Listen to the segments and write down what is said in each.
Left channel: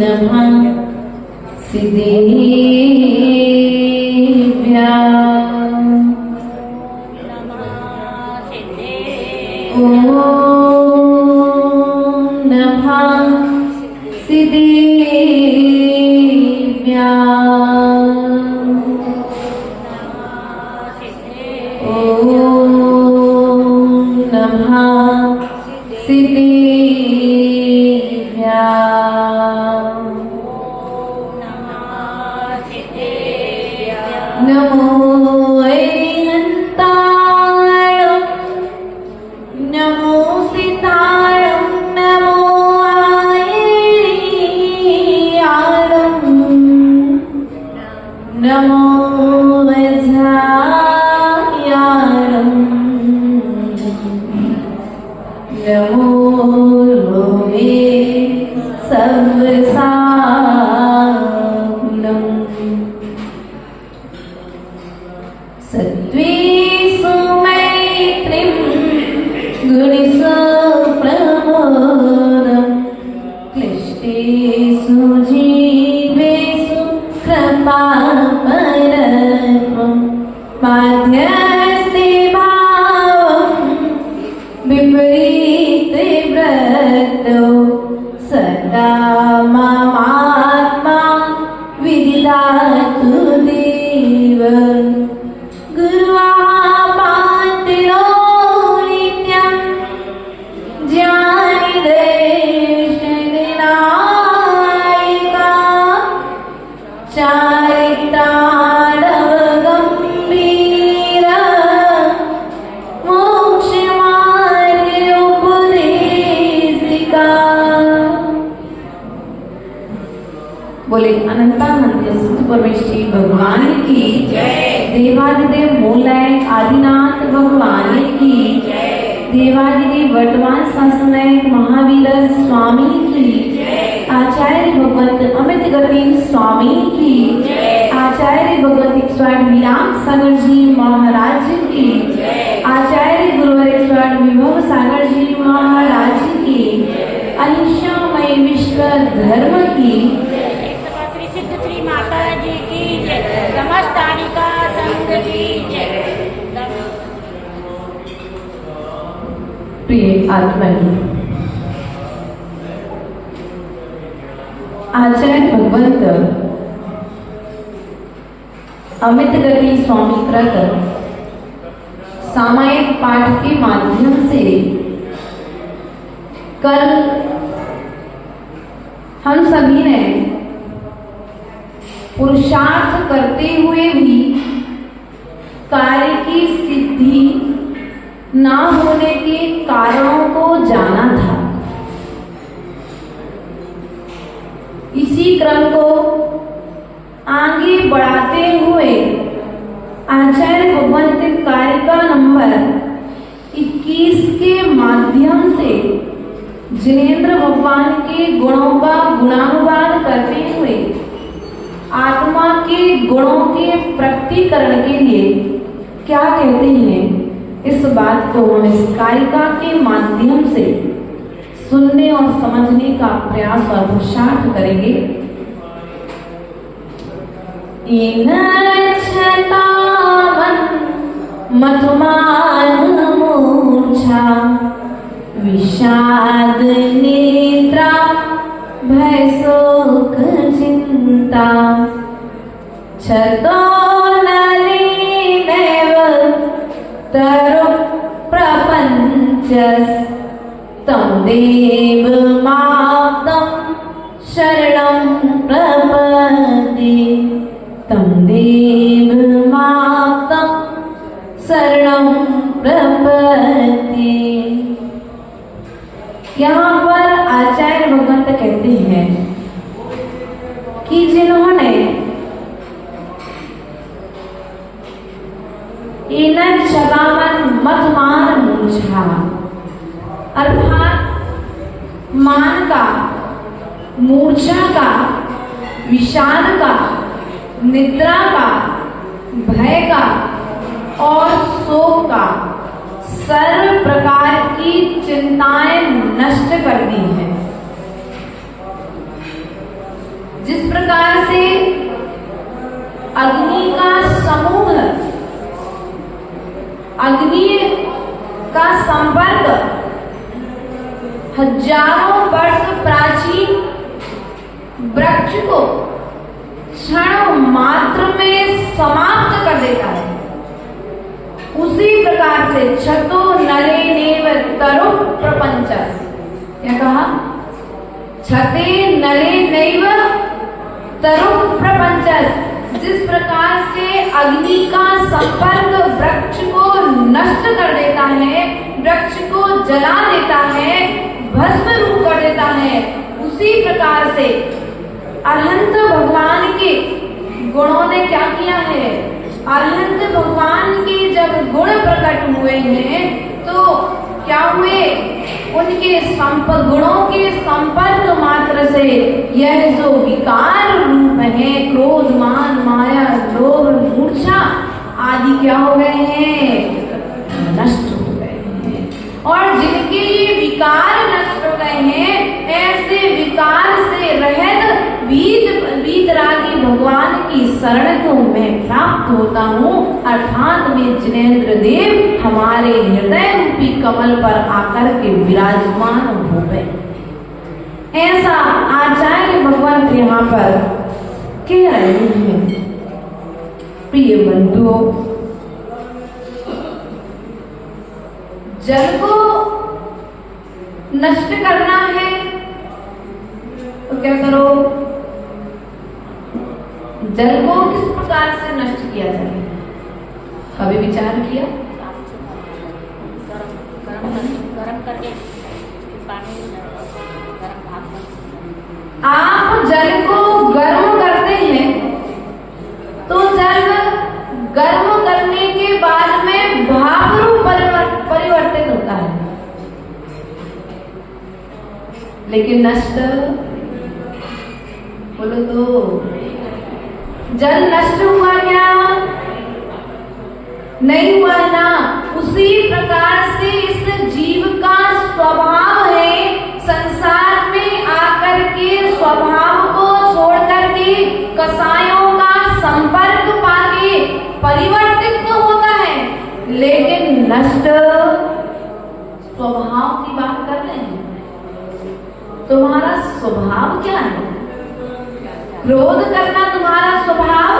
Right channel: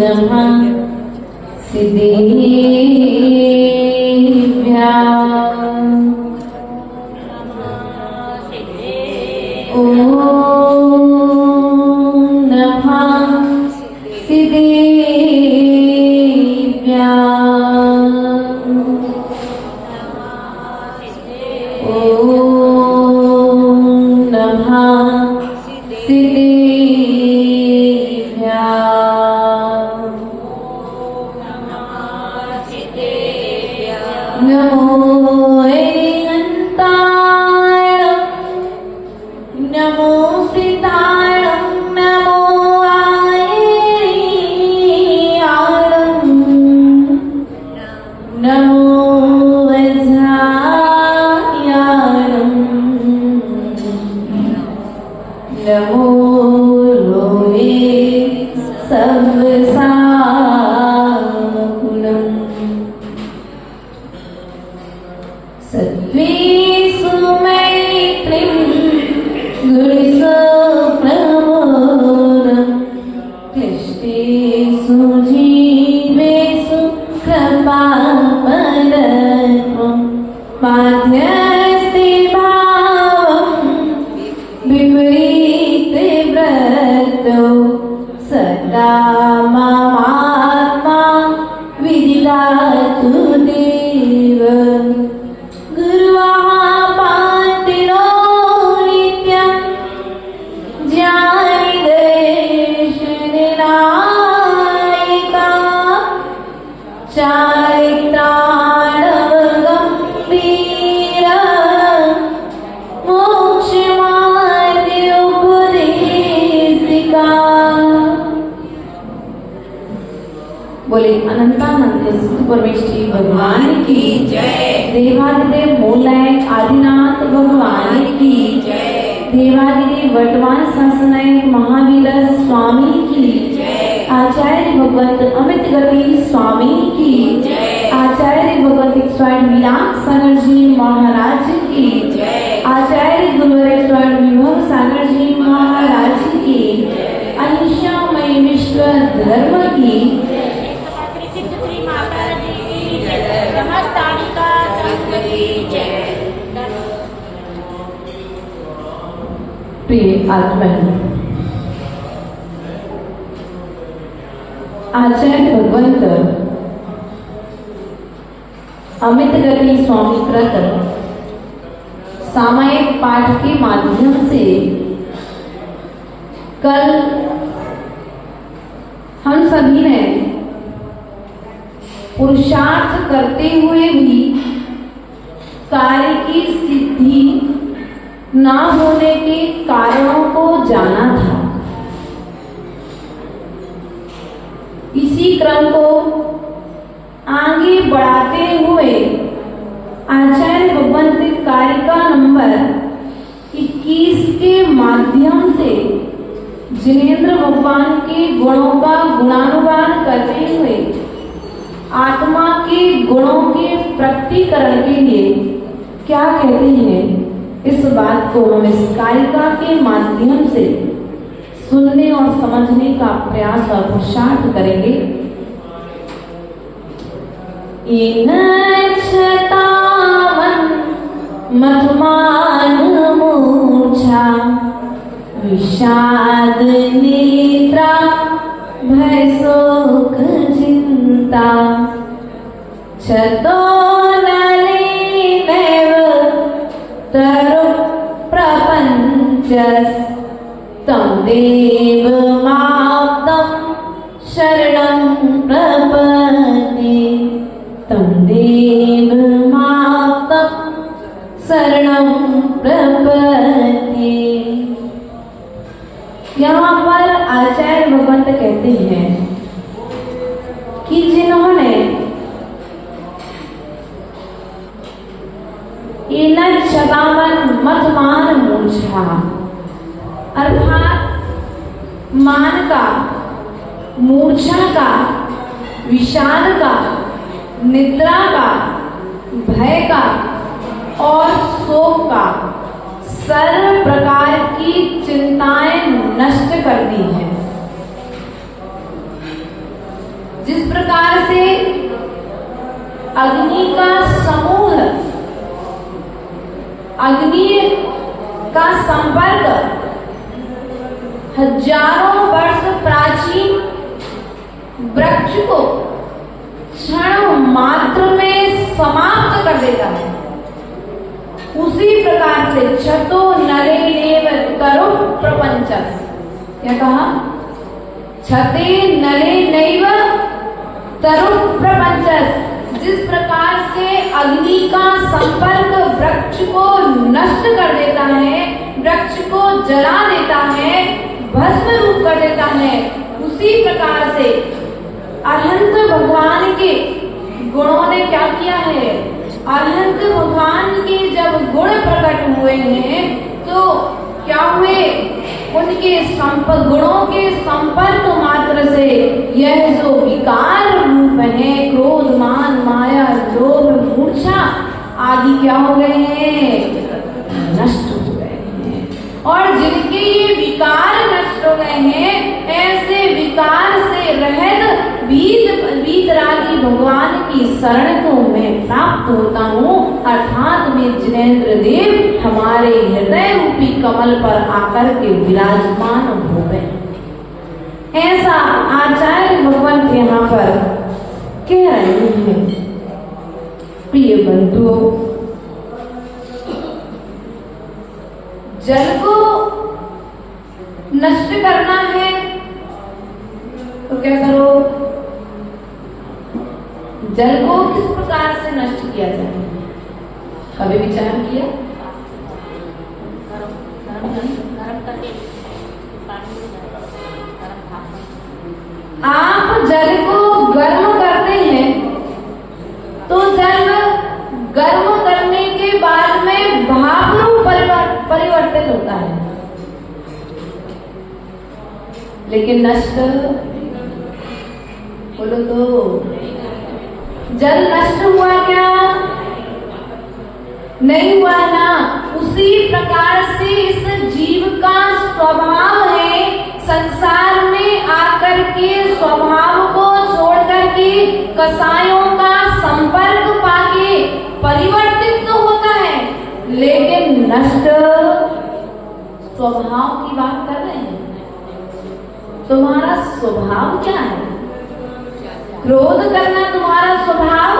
नमः सिद्धेभ्यः ॐ नमः सिद्धेभ्यः ॐ नमः सिद्धेभ्यः नमो अनन्ताय नमो सिद्धाय नमो आयर्याय नमो वज्राय नमो लोहे सर्वसानम् सत्त्वेषु मैत्रीं गुणेषु प्रमोदं क्लिष्टेषु जीवेषु कृपापरत्वं माध्यस्ते भावं विपरीते व्रतो सदा मामात्मा विदिदातु देव बोले अनंतानंद परमेश्वरी भगवान की जय। देवादिदेव मूलय आदिनाथ भगवान की जय। देवादिदेव वर्तमान संसनायक महावीर स्वामी की जय। आचार्य भगवत अमित गति स्वामी की जय। आचार्य भगवत स्वामी विराट सागर जी महाराज की जय। आचार्य गुरुवर स्वामी विभव सागर जी महाराज की अहिंसामय विश्व धर्म की प्रिय आत्मनि आचार्य भगवंत अमित गति स्वामी कृत सामायिक पाठ के माध्यम से कल हम सभी ने पुरुषार्थ करते हुए भी कार्य की सिद्धि ना होने के कारणों को जाना था। इसी क्रम को आगे बढ़ाते हुए आचार्य भगवंत कारिका नंबर 21 के माध्यम से जिनेंद्र भगवान के गुणों का गुणानुवाद करते हुए आत्मा के गुणों के प्रकटीकरण के लिए क्या कहते हैं, इस बात को हम इस कारिका के माध्यम से सुनने और समझने का प्रयास और पुरुषार्थ करेंगे। मधुमान मूर्छा विषाद नेत्रा भय शोक चिंता छतो तरुण प्रपंच तं देवमाप्तं शरणं प्रपद्ये तं देवमाप्तं शरणं प्रपद्ये। यहाँ पर आचार्य भगवंत कहते हैं कि जिन्होंने मधुमान मूर्छा अर्थात मान का, मूर्छा का, विषाद का, निद्रा का, भय का और शोक का सर्व प्रकार की चिंताएं नष्ट कर दी हैं। वृक्ष को क्षण मात्र में समाप्त कर देता है, उसी प्रकार से क्षतो नले नेव तरु प्रपंचस। क्या कहा? क्षते नले नैव तरु प्रपंचस। जिस प्रकार से अग्नि का संपर्क वृक्ष को नष्ट कर देता है, वृक्ष को जला देता है, भस्म रूप कर देता है, उसी प्रकार से अनंत भगवान के गुणों ने क्या किया है? अनंत भगवान के जब गुण प्रकट हुए हैं तो क्या हुए? उनके गुणों के संपर्क मात्र से यह जो विकार रूप है, क्रोध, मान, माया, लोभ, मूर्छा आदि क्या हो गए हैं? नष्ट हो गए हैं। और जिनके ये विकार नष्ट हो गए हैं, ऐसे विकार से रहित वीतरागी भगवान की शरण को मैं प्राप्त होता हूँ, अर्थात में जिनेन्द्र देव हमारे हृदय रूपी कमल पर आकर के विराजमान हो गए। ऐसा आचार्य भगवान यहाँ पर कह रहे हैं। प्रिय बंधुओं, जल को नष्ट करना है तो क्या करो? जल को किस प्रकार से नष्ट किया जाए? कभी विचार किया? आप जल को गर्म करते हैं तो जल गर्म करने के बाद में भाप रूप परिवर्तित होता है, लेकिन नष्ट बोलो तो जल नष्ट हुआ क्या? नहीं हुआ ना। उसी प्रकार से इस जीव का स्वभाव है संसार में आकर के स्वभाव को छोड़ करके कसायों का संपर्क पाके परिवर्तित तो होता है, लेकिन नष्ट स्वभाव की बात कर रहे हैं। तुम्हारा स्वभाव क्या है? क्रोध करना तुम्हारा स्वभाव,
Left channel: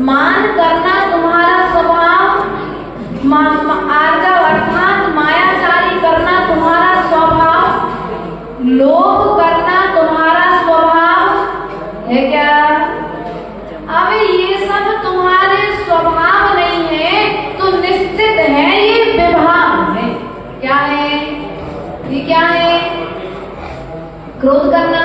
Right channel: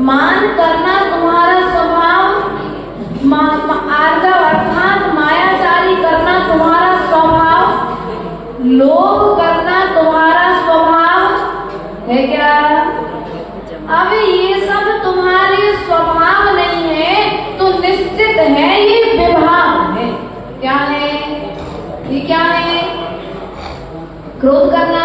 मान करना तुम्हारा स्वभाव, अर्थात मायाचारी करना तुम्हारा स्वभाव, लोभ करना तुम्हारा स्वभाव है क्या? अब ये सब तुम्हारे स्वभाव नहीं है तो निश्चित है ये विभाग है। क्या है ये? क्या है? क्रोध करना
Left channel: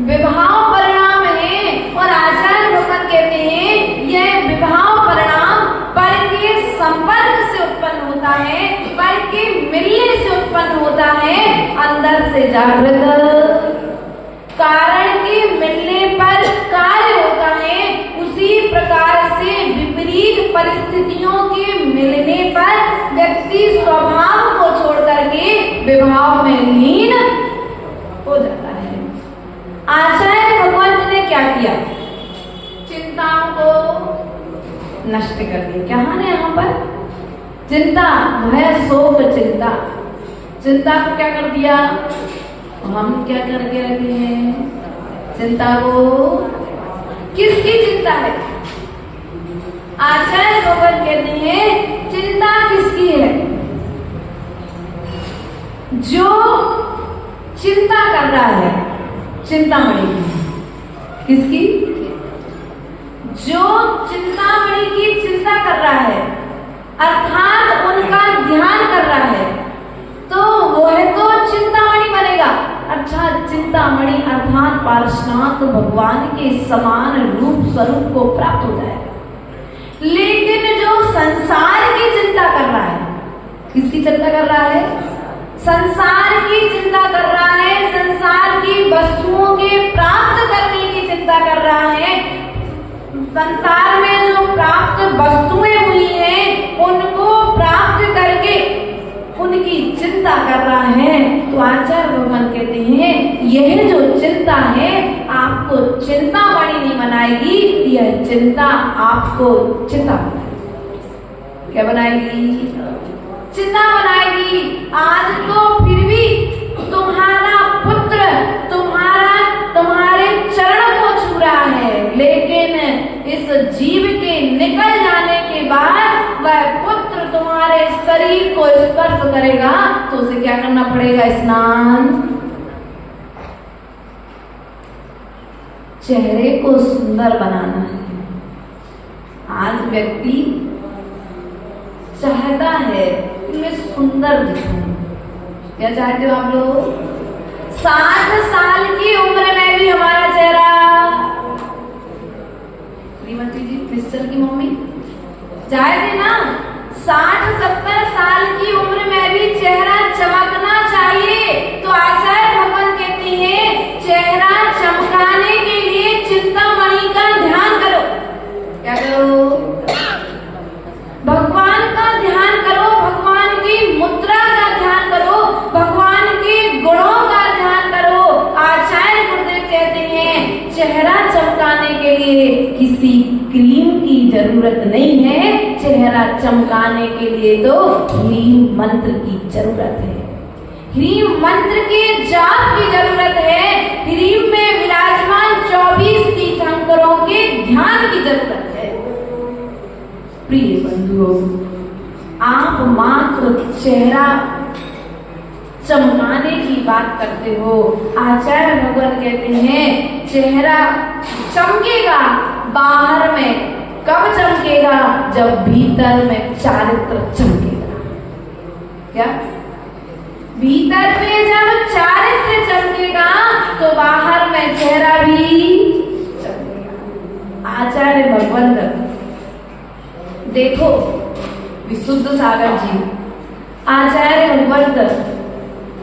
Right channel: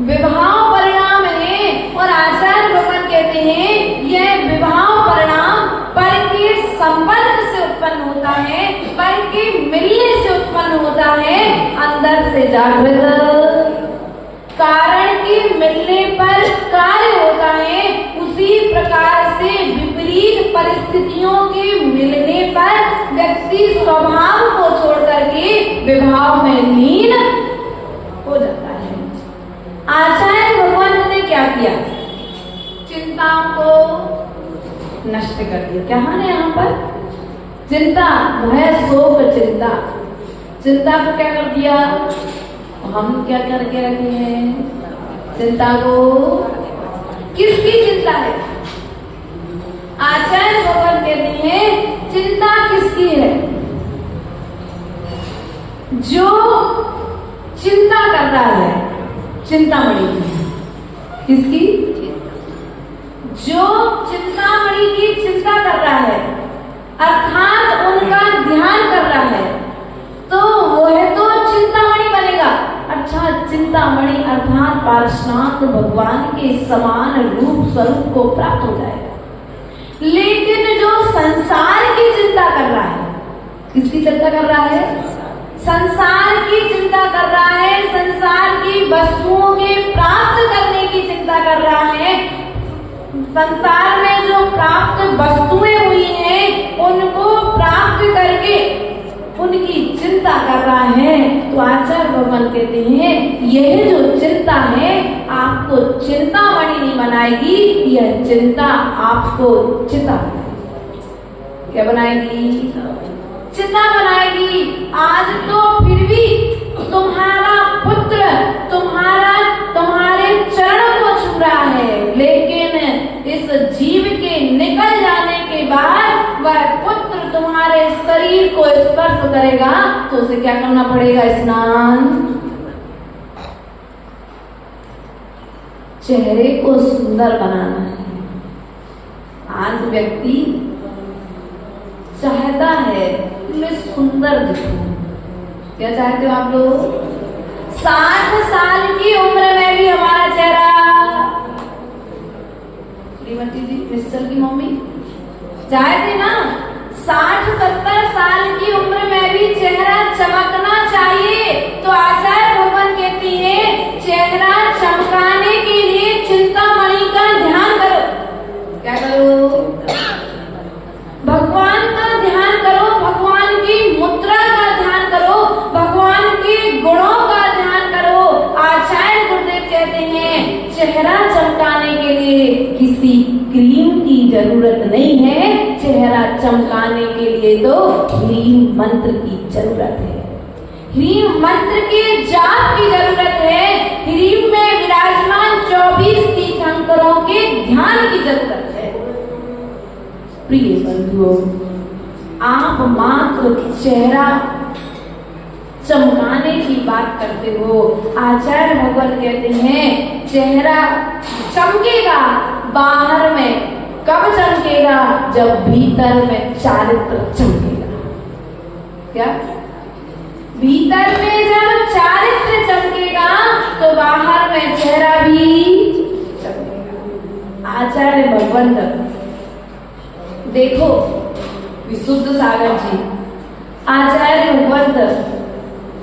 विभाव परिणाम है। और आचार्य भगवान कहते हैं यह विभाव परिणाम पर के संपर्क से उत्पन्न होता है, पर के मिलने से उत्पन्न होता है, अंदर से जागृत कारण के मिलने पर कार्य होता है। उसी प्रकार से विपरीत परिस्थितियों के मिलने पर व्यक्ति स्वभाव को छोड़ करके विभाव में लीन हो जाता है। आचार्य भगवान ने क्या किया? चिंताओं को नष्ट कर दिया। क्या है यहाँ पर? चिंता, भय, शोक, चिंता। चिंता को क्या कर दिया? हम क्या करके रखे हैं चिंता को? किसकी चिंता है? आचार्य भगवान कहते हैं चिंता किसकी है? जो चिंता कर रहा है, चिंतामणि किसकी? जो चिंतामणि की चिंता कर रहा है, अर्थात उनका ध्यान कर रहा है, तो वह तो चिंतामणि बनेगा। अच्छा, चिंतामणि अर्थात पार्श्वनाथ भगवान के समान रूप स्वरूप को प्राप्त हो जाएगा। लेकिन जो संसार की चिंता कर रहा है, किसकी चिंता कर रहा है? संसार की चिंता कर रहा है, संसार की वस्तुओं के प्राप्त करने की चिंता कर रहा है, संसार में जो प्राप्त वस्तुएं हुई हैं उनको प्राप्त करके उनकी चिंता कर रहा है। तो आचार्य भगवान कहते हैं यह जो चिंता है आपको चिंतामणि नहीं बनाएगी, यह चिंता आपको चिंता बनाएगी। क्या बनाएगी? चिंता बनाएगी। आज तो फिर भी तुम्हारा पुत्र तुम्हारा करेगा तो उसे क्या करना पड़ेगा? स्नान। चेहरे को सुंदर बनाना है। आज व्यक्ति चाहता है कि मैं सुंदर दिखूं। क्या चाहते हो आप लोग? 60 साल की उम्र में भी हमारा चेहरा, श्रीमती जी मिस्टर की मम्मी चाहते ना, 60-70 साल की उम्र में भी चेहरा चमकना चाहिए। तो आचार्य भगवान कहती है चेहरा चमकाने के लिए चिंतामणि का ध्यान करो। क्या करो? भगवान का ध्यान करो, भगवान की मुद्रा का ध्यान करो, भगवान के गुणों का ध्यान करो। आचार्य गुरुदेव कहते हैं चेहरा चमकाने के लिए किसी क्रीम की जरूरत नहीं है, चेहरा चमकाने के लिए तो ह्रीम मंत्र की जरूरत है। ह्रीम मंत्र के जाप की जरूरत है। ह्रीम में विराजमान 24 तीर्थंकरों के ध्यान की जरूरत है। प्रिय बंधुओं, आप मात्र चेहरा चमकाने की बात करते हो। आचार्य भगवान कहते हैं चेहरा चमकेगा बाहर में, कब चमकेगा? जब भीतर में चारित्र चमकेगा। क्या? भीतर में जब चारित्र चमकेगा तो बाहर में चेहरा भी चमकेगा। आचार्य भगवान देखो, विशुद्ध सागर जी, आचार्य भगवंत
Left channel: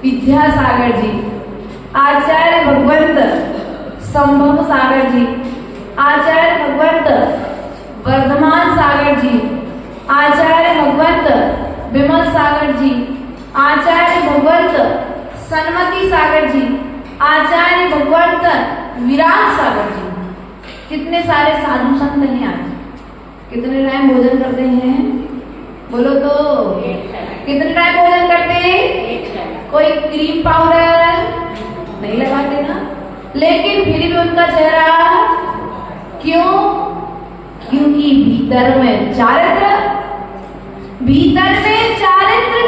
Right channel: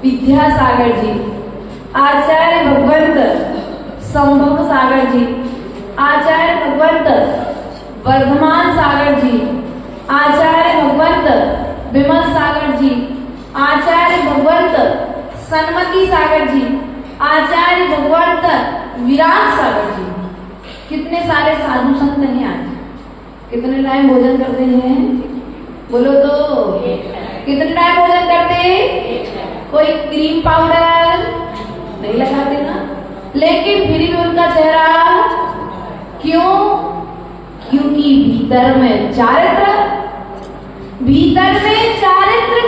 विद्यासागर जी, आचार्य भगवंत संभव सागर जी, आचार्य भगवंत वर्धमान सागर जी, आचार्य भगवंत विमल सागर जी, आचार्य भगवंत सन्मति सागर जी, आचार्य भगवंत विराट सागर जी। कितने सारे साधु संत हैं आज। कितने टाइम भोजन करते हैं? बोलो तो। कितने टाइम भोजन करते हैं? कोई क्रीम पाउडर नहीं लगाते ना, लेकिन फिर भी उनका चेहरा क्यों? क्योंकि भीतर में चारित्र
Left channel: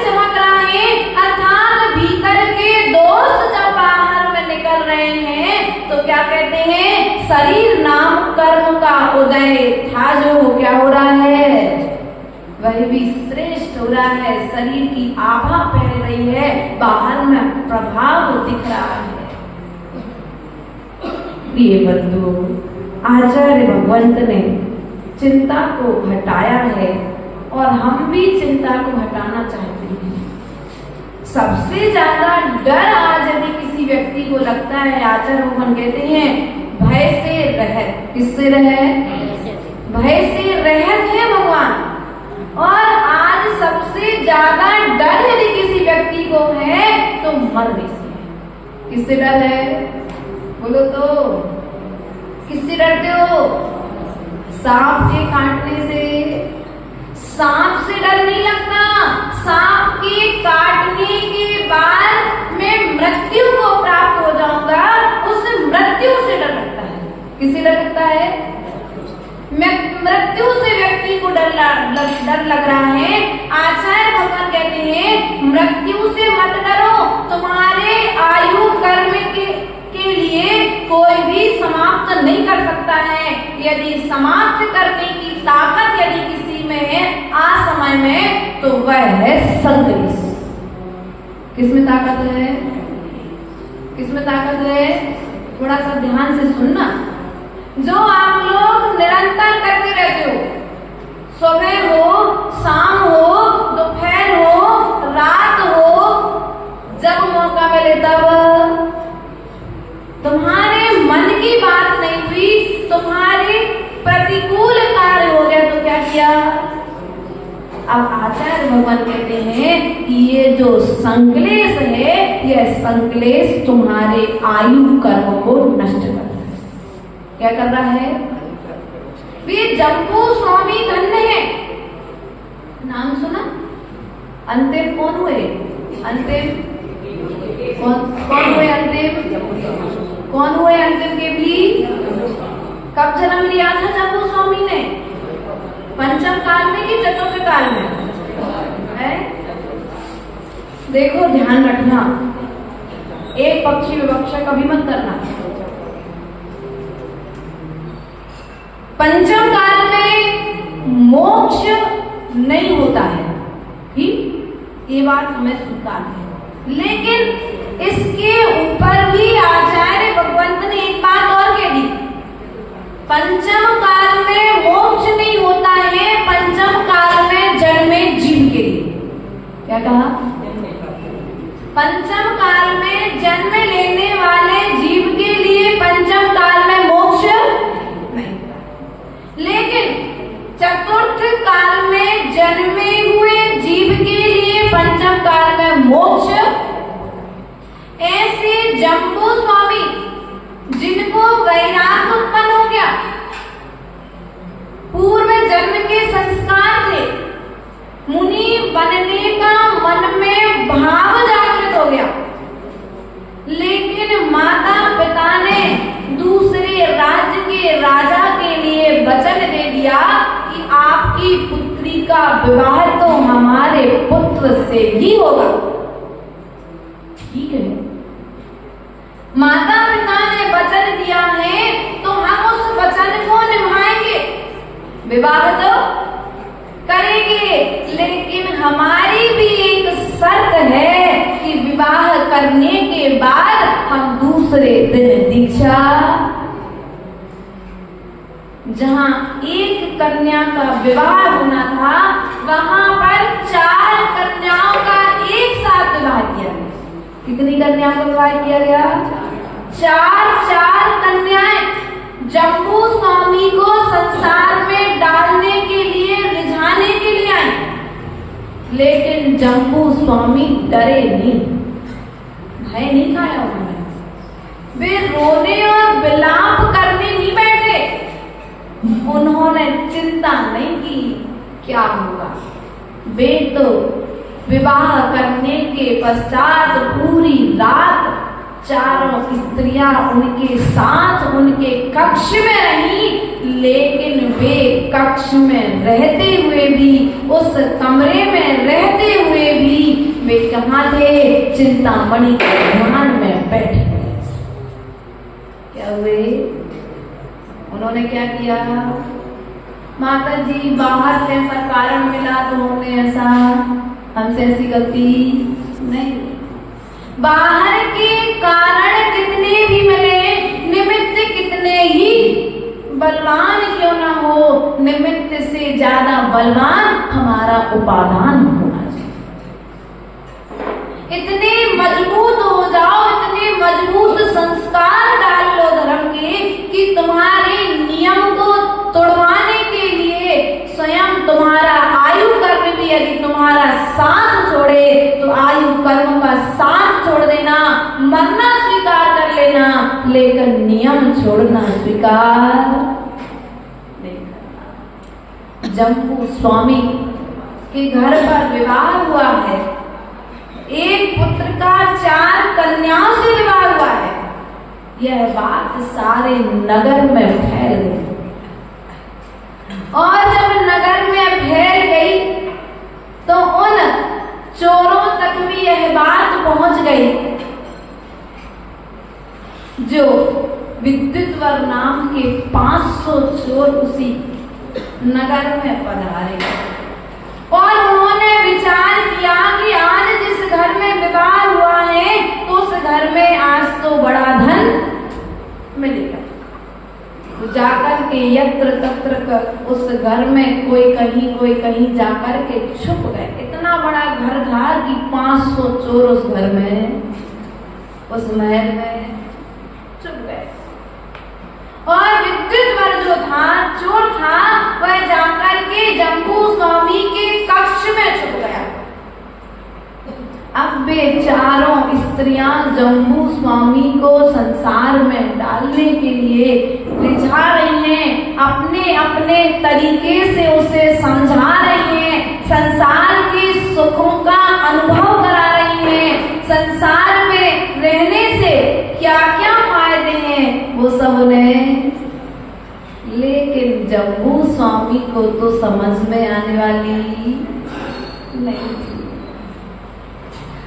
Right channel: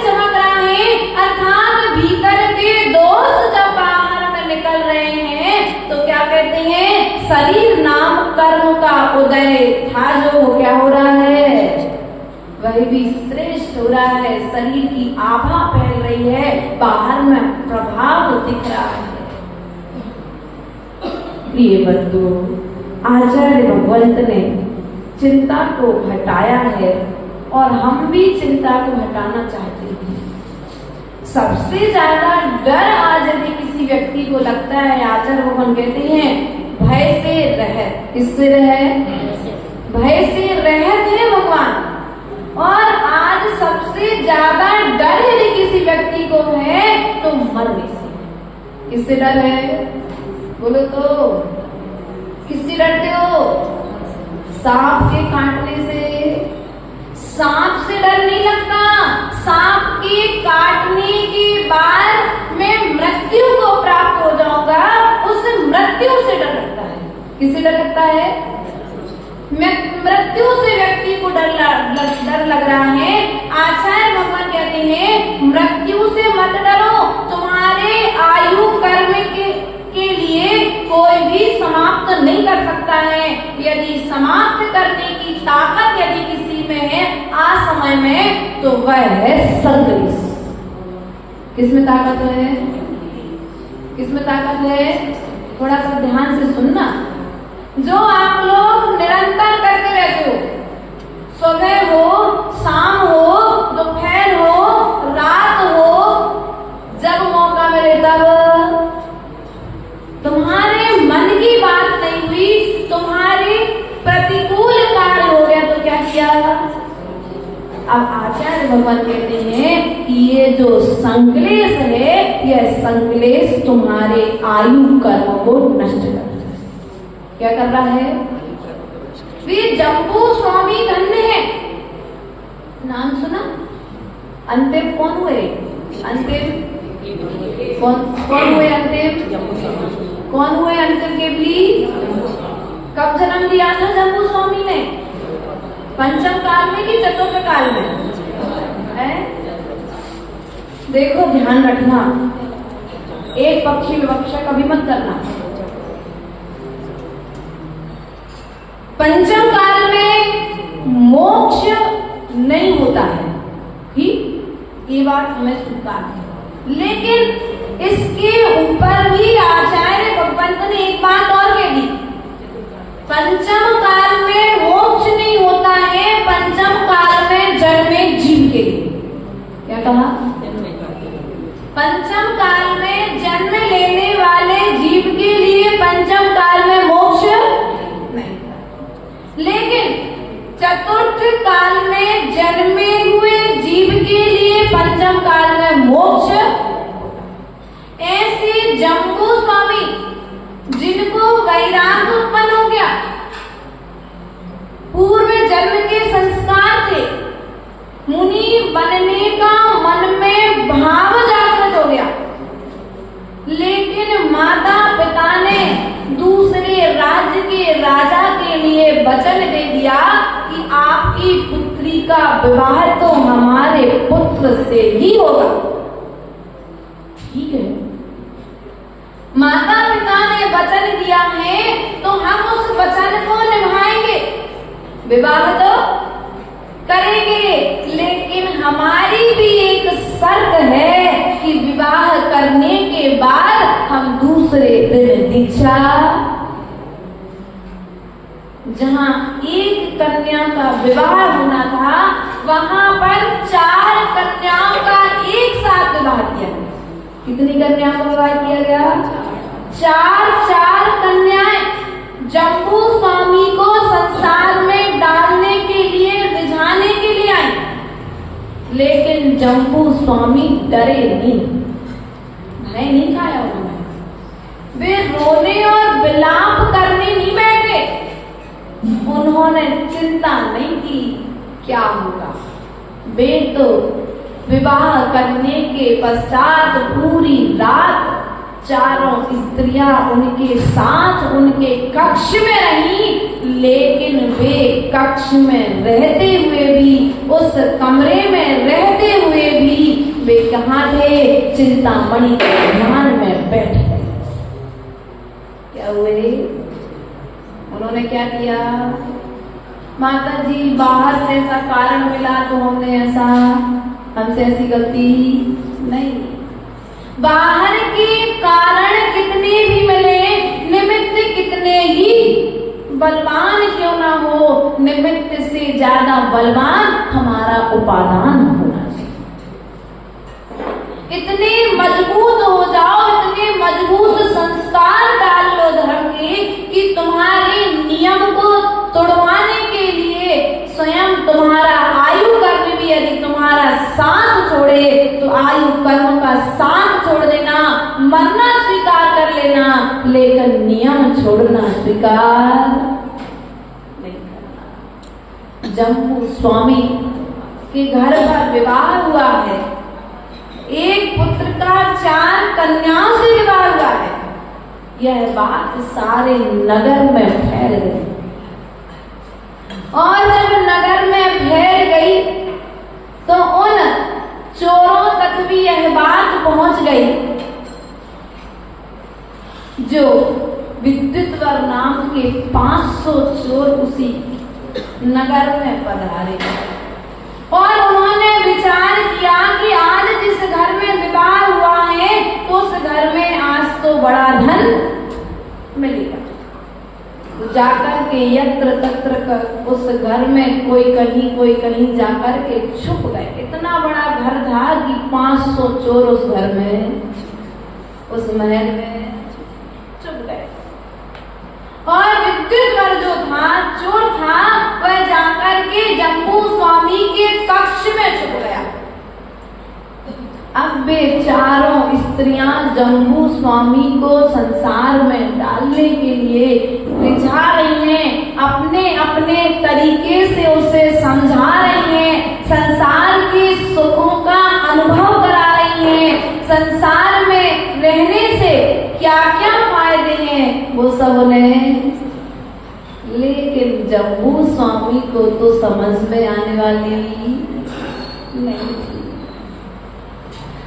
चमक रहा है। अर्थात भीतर के दोष जब बाहर में निकल रहे हैं तो क्या कहते हैं? शरीर नाम कर्म का उदय था जो क्या हो रहा है? वह भी श्रेष्ठ हो रहा है। शरीर की आभा फैल रही है, बाहर में प्रभाव दिख रहा है। प्रिय बंधुओं, आचार्य भगवंत ने चिंता को हटाया है और हम भी चिंता को हटाना चाहते हैं। सबसे ज्यादा डर आज यदि किसी व्यक्ति को लगता है, आचार्य भगवान कहते हैं भय से रहत। किससे रहत? भय से रहत है भगवान। और आज सबसे ज्यादा डर यदि किसी व्यक्ति को है तो मरने से है। किससे डर है? बोलो तो। किससे डरते हो? सांप के काटने से। सांप से डर नहीं लगता, सांप के काटने के बाद मैं मृत्यु को प्राप्त हो जाऊंगा, उस मृत्यु से डर लगता है। किससे डर लगता है? मृत्यु से व्यक्ति को डर लग रहा है। आचार्य भगवान कहते हैं मृत्यु से मत डरो, तुम्हारे आयु कर्म के लिए कोई भी समाप्त नहीं कर सकता है। यदि समाप्त करने की ताकत यदि किसी में है आज समय में तो वह है संग्रेस। किसमें ताकत है? किसमें ताकत है? थोड़ा सा ध्यान से सुनना। जो आप लोग निरंतर करते रहते हो, सुबह हो, शाम हो, दोपहर हो, रात हो, जब मौका मिले तब, तुम्हारे मन की बात नहीं हुई, तुम्हारे प्रतिकूल कार्य हो गया तो क्या किया? अब आचार्य भगवान कहते हैं कि ये जो संक्लेश है, यह संक्लेश तुम्हारे आयु कर्म को नष्ट कर रहा है। क्या कर रहा है? वे जम्बू स्वामी धन्य है। नाम सुना? अंतिम कौन हुए? अंतिम कौन हुए? अंतिम कौन हुए? अंतिम के भी कब जन्म लिया था जम्बू स्वामी ने? पंचम काल में कि चतुर्थ काल में? है देखो ध्यान रखना, एक पक्षी विवक्षा कभी मत करना। पंचम काल में मोक्ष नहीं होता है, ठीक, ये बात हमें स्वीकार है। लेकिन इसके ऊपर भी आचार्य भगवंत ने एक बात और कह दी, पंचम काल में मोक्ष नहीं होता है, पंचम काल में जन्मे जीव के लिए। क्या कहा? पंचम काल में जन्म लेने वाले जीव के लिए पंचम काल में मोक्ष नहीं, लेकिन चतुर्थ काल में जन्मे हुए जीव के लिए पंचम काल में मोक्ष। ऐसे जम्बू स्वामी जिनको वैराग्य उत्पन्न हो गया, पूर्व जन्म के संस्कार थे, मुनि बनने का मन में भाव जागृत हो गया, लेकिन माता पिता ने दूसरे राज्य के राजा के लिए वचन दे दिया कि आपकी पुत्री का विवाह तो हमारे पुत्र से ही होगा। ठीक है, माता पिता ने वचन दिया है तो हम उस वचन को निभाएंगे, विवाह तो करेंगे, लेकिन हमारी भी एक शर्त है कि विवाह करने के बाद हम दूसरे दिन दीक्षा, जहां एक कन्या का विवाह होना था वहां पर 4 कन्याओं का एक साथ विवाह किया गया। कितनी कन्याओं का विवाह किया गया? 4 कन्याएं जम्बू स्वामी को संसार में डालने के लिए, रिझाने के लिए आई, लेकिन जम्बू स्वामी डरे नहीं, भय नहीं खाया उन्होंने, वे रोने और विलाप करने नहीं बैठे, उन्होंने चिंता नहीं की क्या होगा। वे तो विवाह करने के पश्चात पूरी रात 4 स्त्रियां उनके साथ उनके कक्ष में रही, लेकिन वे कक्ष में रहते हुए भी, उस कमरे में रहते हुए भी वे कहाँ थे? चिंतामणि के ध्यान में बैठे। क्या हुए? उन्होंने क्या किया? माता जी बाहर से ऐसा कारण मिला तो हमने ऐसा, हमसे ऐसी गलती नहीं, बाहर के कारण कितने भी मिले, निमित्त कितने ही बलवान क्यों ना हो, निमित्त से ज्यादा बलवान हमारा उपादान होना चाहिए। इतने मजबूत हो जाओ, इतने मजबूत संस्कार डाल लो धर्म के कि तुम्हारे नियम को तोड़वाने के लिए स्वयं तुम्हारा आयु कर्म भी यदि तुम्हारा साथ छोड़े तो आयु कर्म का साथ छोड़ देना, मरना स्वीकार कर लेना, लेकिन नियम छोड़ना स्वीकार नहीं करना। जम्बू स्वामी के घर पर विवाह हुआ है, एक पुत्र का 4 कन्याओं से विवाह हुआ है, यह बात सारे नगर में फैल गई, और जब नगर में फैल गई तो उन चोरों तक भी यह बात पहुंच गई जो विद्युतवर नाम के 500 चोर उसी नगर में पधारे, और उन्होंने विचार किया कि आज जिस घर में विवाह हुआ है तो उस घर में आज तो बड़ा धन मिलेगा। तो जाकर के यत्र तत्र उस घर में कोई कहीं जाकर के छुप गए। इतना बड़ा घर था कि 500 चोर उस घर में, उस महल में छुप गए, और विद्युतवर जो था, चोर था, वह जाकर के जम्बू स्वामी के कक्ष में छुप गया। अब वे 4 स्त्रियां जम्बू स्वामी को संसार में डालने के लिए रिझा रही हैं, अपने अपने तरीके से उसे समझा रही हैं, संसार के सुखों का अनुभव करा रही हैं, संसार में रहने से क्या क्या फायदे हैं वो सब उन्हें, लेकिन जम्बू स्वामी को तो समझ में आने वाली नहीं।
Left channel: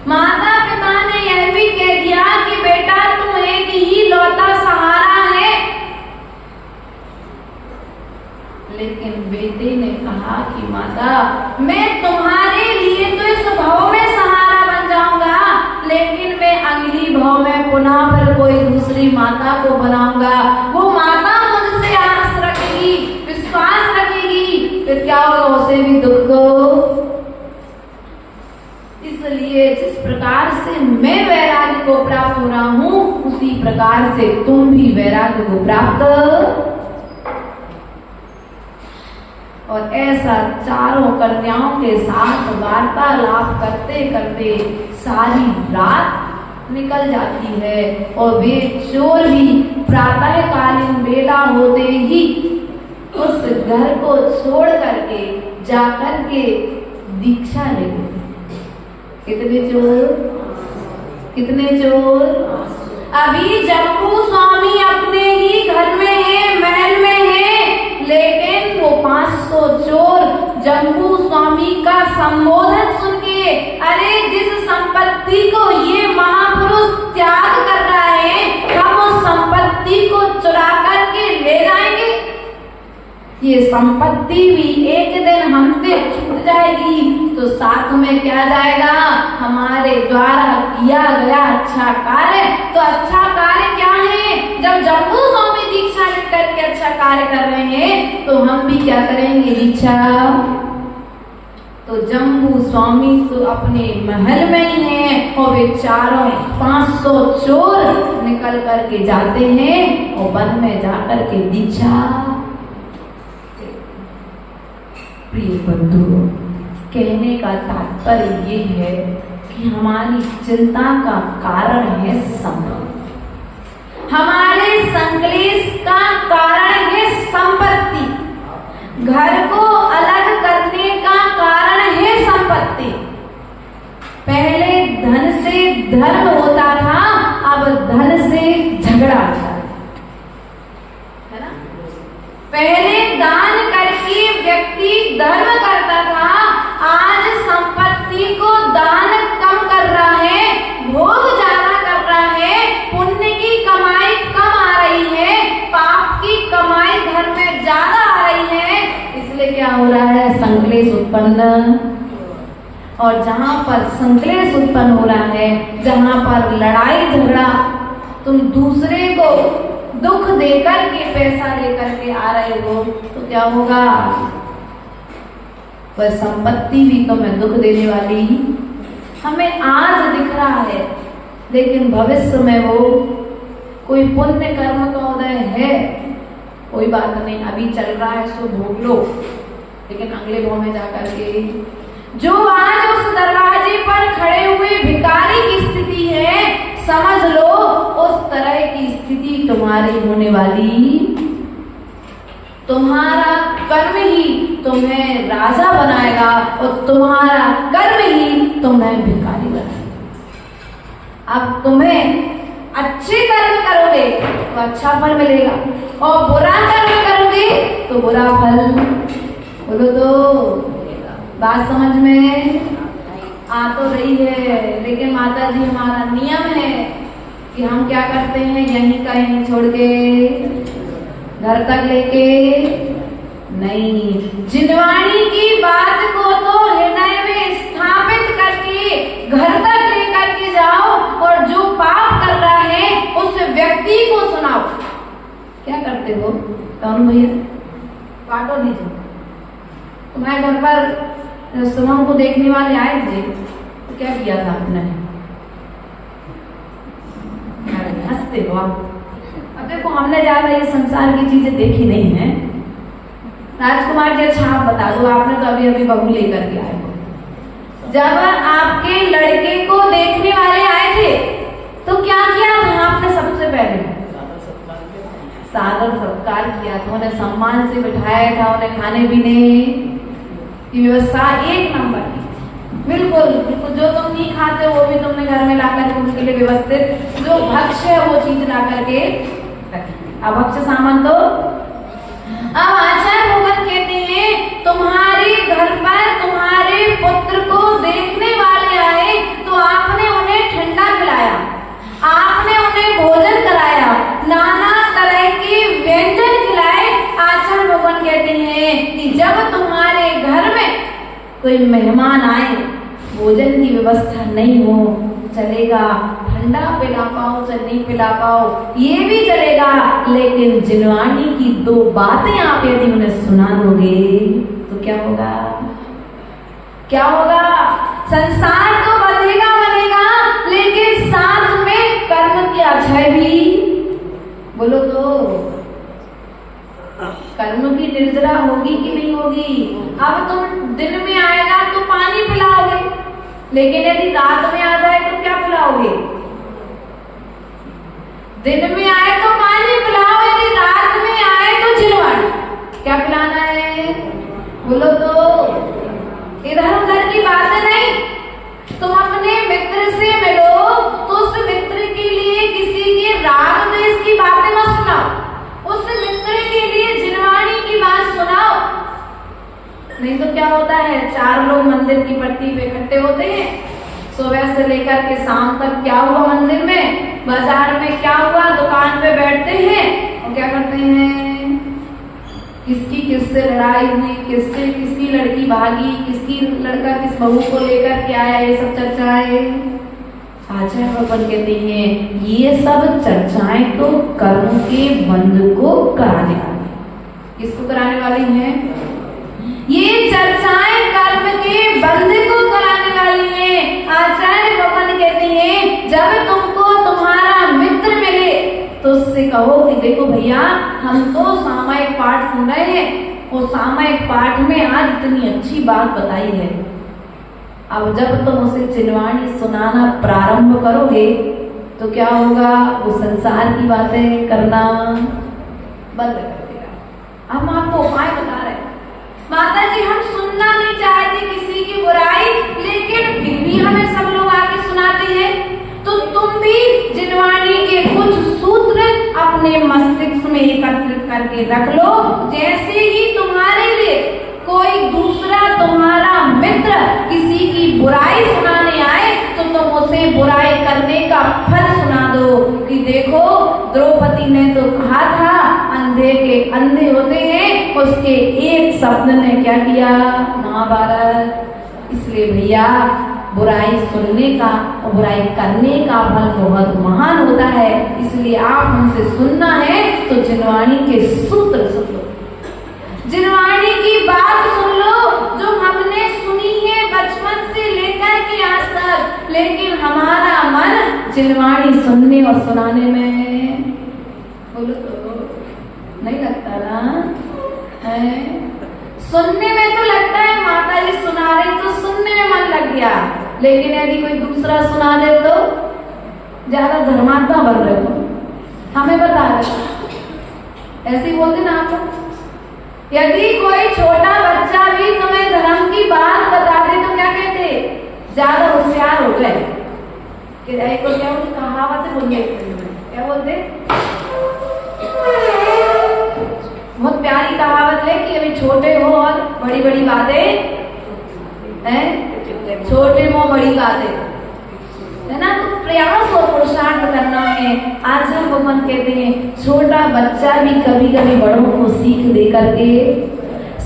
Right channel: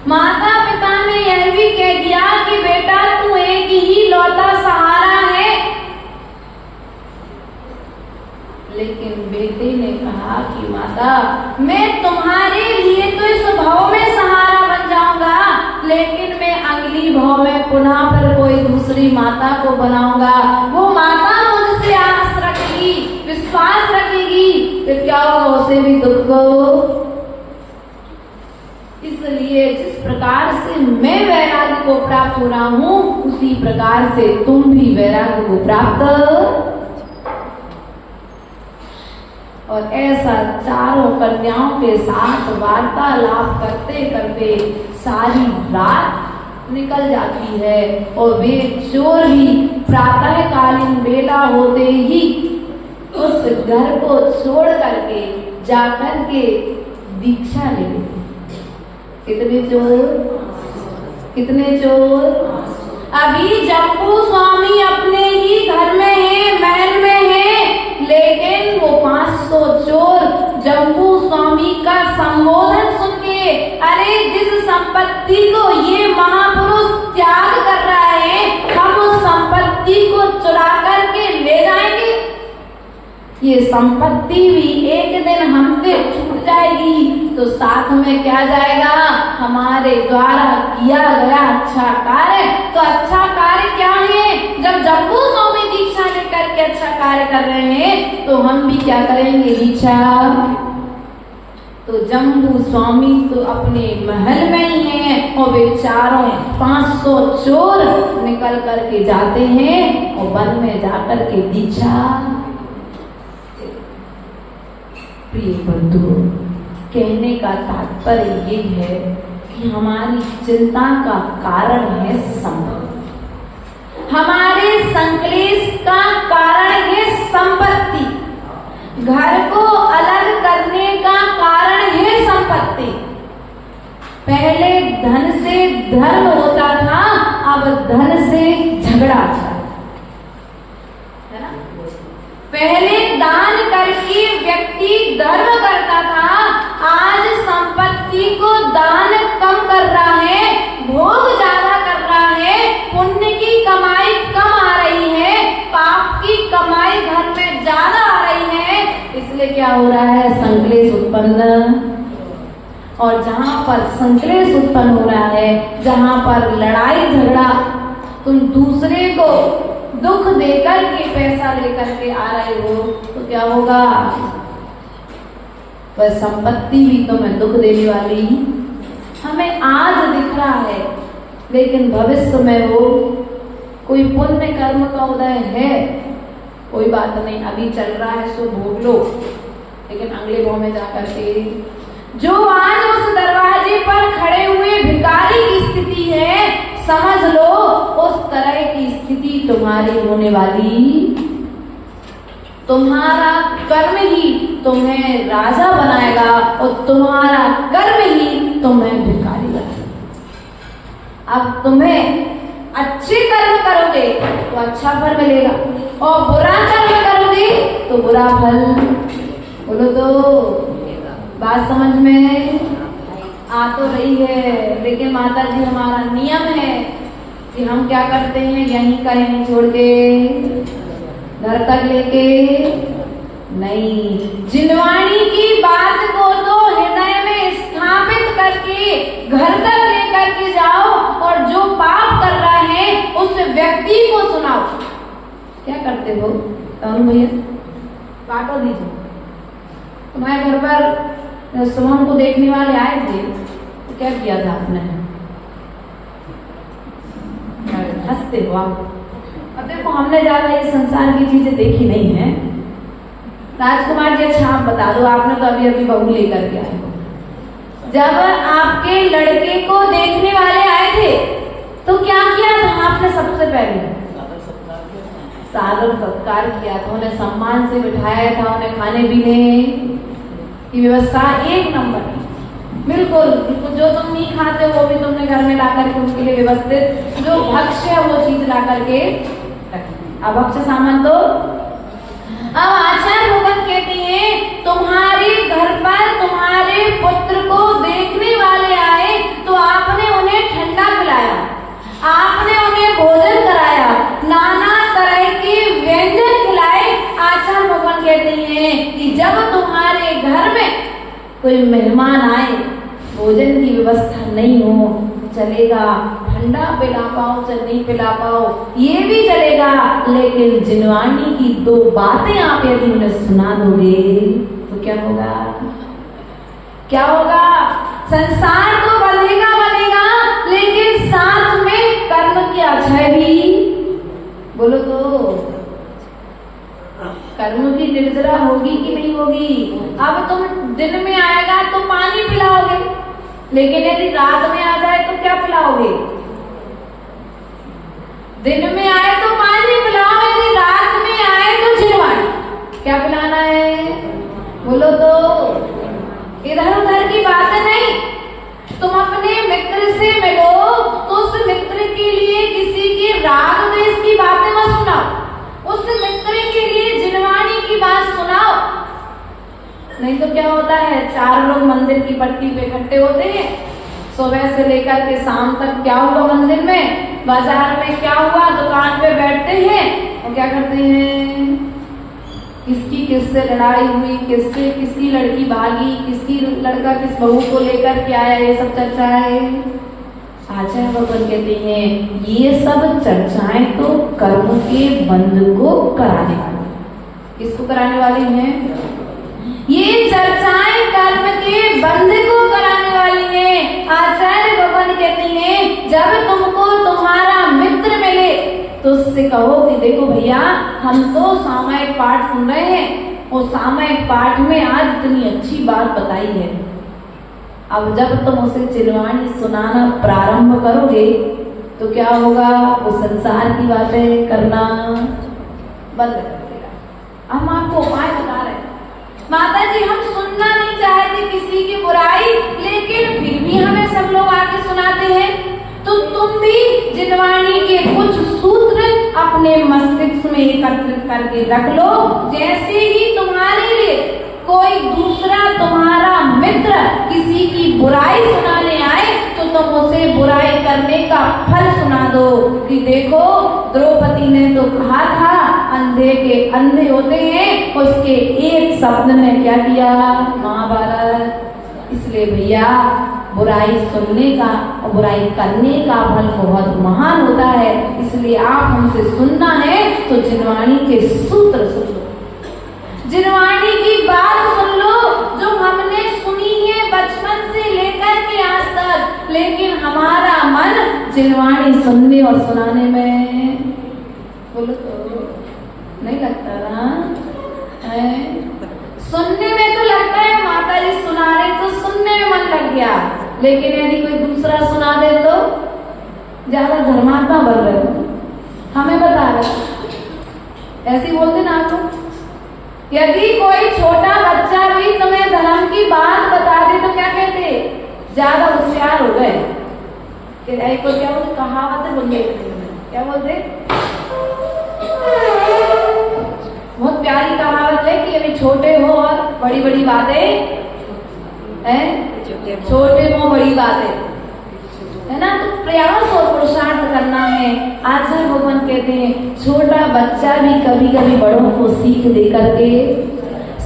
माता पिता ने यह भी कह दिया कि बेटा तू एक ही लौता सहारा है, लेकिन बेटे ने कहा कि माता मैं तुम्हारे लिए तो इस भाव में सहारा बन जाऊंगा, लेकिन मैं अगली भाव में पुनः पर कोई दूसरी माता को बनाऊंगा। वो माता मुझसे आस रखेगी, विश्वास रखेगी, फिर क्या होगा, उसे भी दुख हो। इसलिए जिस प्रकार से मैं वैराग्य को प्राप्त हो रहा हूँ, उसी प्रकार से तुम भी वैराग्य को प्राप्त। और ऐसा चारों कन्याओं के साथ वार्तालाप करते करते सारी रात निकल जाती है और वे चोर भी प्रातःकालीन बेला होते ही उस घर को छोड़ करके जाकर के दीक्षा ले लेते। कितने चोर, कितने चोर? अभी जम्बू स्वामी अपने ही घर में है, महल में है, लेकिन वो 500 चोर जम्बू स्वामी का संबोधन सुन के, अरे जिस संपत्ति को ये महापुरुष त्याग कर रहा है, हम उस संपत्ति को चुरा करके ले जाएंगे। ये संपत्ति भी एक दिन हमसे छूट जाएगी तो साथ में क्या जाएगा, हमारे द्वारा किया गया अच्छा कार्य। तो अच्छा कार्य क्या है? जब जम्बू स्वामी दीक्षा लेकर के अच्छा कार्य कर रहे हैं तो हम भी क्या करेंगे, दीक्षा। तो जम्बू स्वामी तो अपने महल में ही हैं और वे चारों 500 चोर निकल करके जाते हैं और वन में जाकर के दीक्षा। प्रिय बंधु, कहने का तात्पर्य ये है कि हमारी चिंता का कारण है संपत्ति, हमारे संकलेश का कारण है संपत्ति, घर को अलग करने का कारण है संपत्ति। पहले धन से धर्म होता था, अब धन से झगड़ा था, है ना। पहले दान करके व्यक्ति धर्म करता था, आज संपत्ति को दान कम कर रहा है, भोग ज्यादा कर रहा है, पुण्य की कमाई कम आ रही है, पाप की कमाई घर में ज्यादा आ रही है। इसलिए क्या हो रहा है, संकलेश उत्पन्न। और जहां पर संकलेश उत्पन्न हो रहा है, जहां पर लड़ाई झगड़ा, तुम दूसरे को दुख देकर के पैसा लेकर के आ रहे हो तो क्या होगा, वह संपत्ति भी तुम्हें दुख देने वाली। हमें आज दिख रहा है, लेकिन भविष्य में वो कोई पुण्य कर्म का उदय है, कोई बात नहीं, अभी चल रहा है सो भोग लो, लेकिन अगले भाव में जाकर के जो आज उस दरवाजे पर खड़े हुए भिखारी की स्थिति है, समझ लो उस तरह की स्थिति तुम्हारी होने वाली। तुम्हारा कर्म ही तुम्हें राजा बनाएगा और तुम्हारा कर्म ही तुम्हें भिखारी बनाएगा। अब तुम्हें अच्छे कर्म करोगे तो अच्छा फल मिलेगा और बुरा कर्म करोगे तो बुरा फल। बोलो तो बात समझ में आ तो रही है, लेकिन माता जी हमारा नियम है कि हम क्या करते हैं, यहीं का यहीं छोड़ के घर तक लेके नहीं, जिनवाणी की बात को तो हृदय में स्थापित करके घर तक लेकर के जाओ और जो पाप कर रहा है उस व्यक्ति को सुनाओ। क्या करते हो कौन भैया, काटो दीजिए। तुम्हारे घर पर सुमन को देखने वाले आए थे तो क्या किया था आपने, हंसते हो आप। अब देखो हमने ज्यादा ये संसार की चीजें देखी नहीं है। राजकुमार जी अच्छा आप बता दो, आपने तो अभी अभी बहू लेकर के आए हो। जब आपके लड़के को देखने वाले आए थे तो क्या किया था आपने? सबसे पहले सादर सत्कार किया था, उन्हें सम्मान से बिठाया था, उन्हें खाने पीने की व्यवस्था एक नंबर की। बिल्कुल बिल्कुल, जो तुम नहीं खाते वो भी तुमने घर में लाकर के उनके लिए व्यवस्थित, जो भक्ष्य है वो चीज ला करके रखी। अब भक्ष्य सामान तो अब आचार्य भगवान कहते हैं तुम्हारे घर पर तुम्हारे पुत्र को देखने वाले आए तो आपने भगवान कहते हैं कि जब तुम्हारे घर में कोई मेहमान आए, भोजन की व्यवस्था नहीं हो, चलेगा, ठंडा पिला पाओ चाहे नहीं पिला पाओ ये भी चलेगा, लेकिन जिनवाणी की 2 बातें आप यदि उन्हें सुना दोगे तो क्या होगा? क्या होगा? संसार तो बनेगा बनेगा, लेकिन साथ में कर्म की अक्षय भी, बोलो तो कर्म की निर्जरा होगी कि नहीं होगी? अब तुम दिन में आएगा तो पानी पिलाओगे, लेकिन यदि रात में आ जाए तो क्या पिलाओगे? दिन में आए तो पानी पिलाओ, यदि रात में आए तो जिनवाणी, क्या पिलाना है? बोलो तो इधर उधर की बातें नहीं। तुम अपने मित्र से मिलो तो उस मित्र के लिए किसी के राग द्वेष की बातें मत सुनाओ, उस मित्र के लिए जिनवाणी की बात सुनाओ। नहीं तो क्या होता है, 4 लोग मंदिर की पट्टी पे इकट्ठे होते हैं, सुबह से लेकर के शाम तक क्या हुआ मंदिर में, बाजार में क्या हुआ, दुकान पे बैठते हैं और क्या करते हैं, किसकी किससे लड़ाई हुई, किससे किसकी लड़की भागी, किसकी लड़का किस बहू को लेकर के आया, ये सब चर्चाएं। आचार्य भगवान कहते हैं ये सब चर्चाएं तो कर्म के बंध को कराने वाली, किसको कराने वाली हैं? ये चर्चाएं कर्म के बंध को कराने वाली हैं। आचार्य भगवान कहते हैं जब तुमको तुम्हारा मित्र मिले तो उससे कहो कि देखो भैया, हम तो सामायिक पाठ सुन रहे हैं, वो सामायिक पाठ में आज इतनी अच्छी बात बताई है। अब जब तुम उसे जिनवाणी सुनाना प्रारंभ करोगे तो क्या होगा, वो संसार की बातें करना बंद कर देगा। हम आपको उपाय बता रहे हैं, माता जी हम सुनना नहीं चाहते किसी की बुराई, लेकिन फिर भी हमें सब लोग आके सुनाते हैं, तो तुम भी जिनवाणी के कुछ सूत्र अपने मस्तिष्क में एकत्रित करके रख लो। जैसे ही तुम्हारे लिए कोई दूसरा तुम्हारा मित्र किसी की बुराई सुनाने आए तो तुम उसे बुराई करने का फल सुना दो कि देखो द्रौपदी ने तो कहा था अंधे के अंधे होते हैं, उसके एक शब्द ने क्या किया, महाभारत। इसलिए भैया बुराई सुनने का और बुराई करने का फल बहुत महान होता है, इसलिए आप हमसे सुनना है तो जिनवाणी के सूत्र सुन लो, जिनवाणी की बात सुन लो जो हमने सुनी है बचपन से लेकर के आज तक, लेकिन हमारा मन जिनवाणी सुनने और सुनाने में, बोलो तो नहीं लगता ना है? सुनने में तो लगता है माता जी सुना रही तो सुनने में मन लग गया, लेकिन यदि कोई दूसरा सुना दे तो ज्यादा धर्मात्मा बन रहे हो, हमें बता रहे ऐसे ही बोलते ना आप। यदि कोई छोटा बच्चा भी तुम्हें धर्म की बात बता दे तो क्या कहते, ज्यादा होशियार हो गए कि को क्या बोलते, कहावत बोलते, क्या बोलते, बहुत प्यारी कहावत है कि अभी छोटे हो और बड़ी बड़ी बातें हैं, छोटे हो बड़ी बातें है ना, तो प्रयास और पुरुषार्थ करना है। आचार्य भगवान कहते हैं छोटा बच्चा भी कभी कभी बड़ों को सीख दे करके,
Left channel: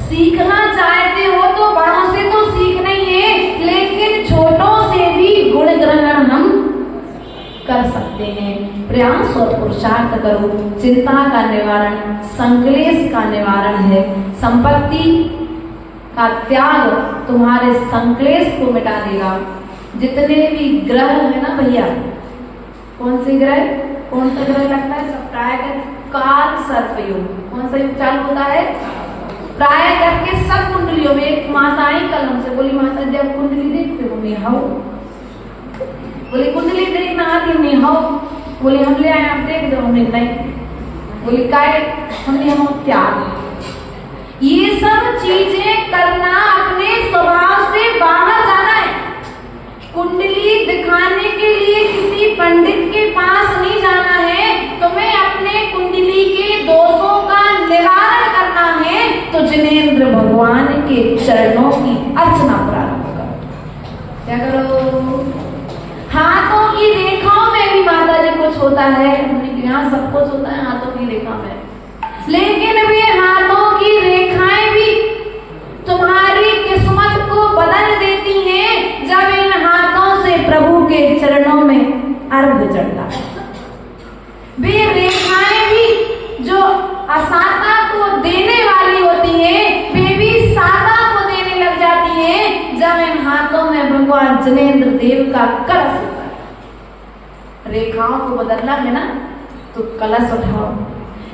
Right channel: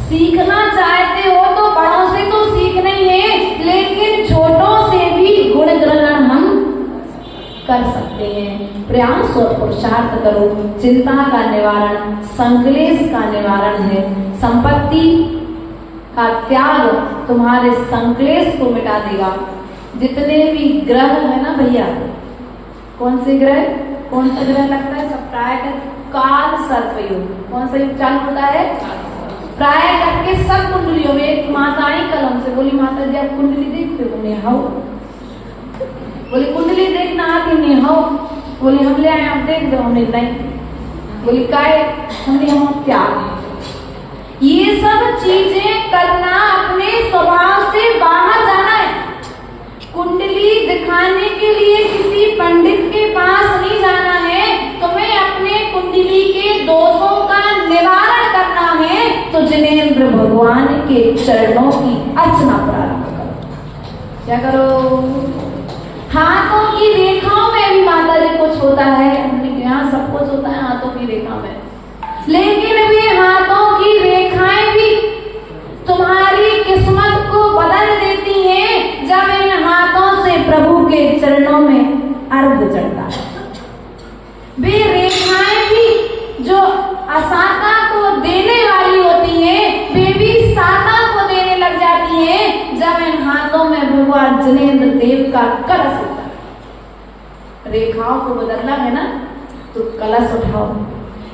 सीखना चाहते हो तो बड़ों से तो सीखना ही है, लेकिन छोटों से भी गुण ग्रहण हम कर सकते हैं। प्रयास और पुरुषार्थ करो, चिंता का निवारण, संकलेश का निवारण है, संपत्ति का त्याग तुम्हारे संकलेश को मिटा देगा। जितने भी ग्रह है ना भैया, कौन से ग्रह, कौन सा ग्रह लगता है, सब प्राय काल सर्प योग, कौन सा योग चालू होता है, प्राय करके सब कुंडलियों में। एक माता आई कलम से बोली माता जी आप कुंडली देखते हो? नहीं। हाउ? बोली कुंडली देखना आती नहीं। हाउ? बोली हम ले आए आप देख दो। नहीं। बोली काय? हमने हम त्याग। ये सब चीजें करना अपने स्वभाव से बाहर जाना है। कुंडली दिखाने के लिए किसी पंडित के पास नहीं जाना है, तुम्हें अपने कुंडली के दोषों का निवारण करना है तो जिनेंद्र भगवान के चरणों की अर्चना प्रारंभ करो। क्या करो? हाथों की रेखाओं में भी माता जी कुछ होता है, हमने यहाँ सब कुछ होता है हाथों की रेखा में, लेकिन वे हाथों की रेखा मार्ग चढ़ता है। वे रेखाएं भी जो असाता को देने वाली होती हैं, वे भी साता को देने लग जाती हैं जब इन हाथों में भगवान जिनेंद्र देव का कलश होता है। रेखाओं को बदलना है ना तो कलश उठाओ,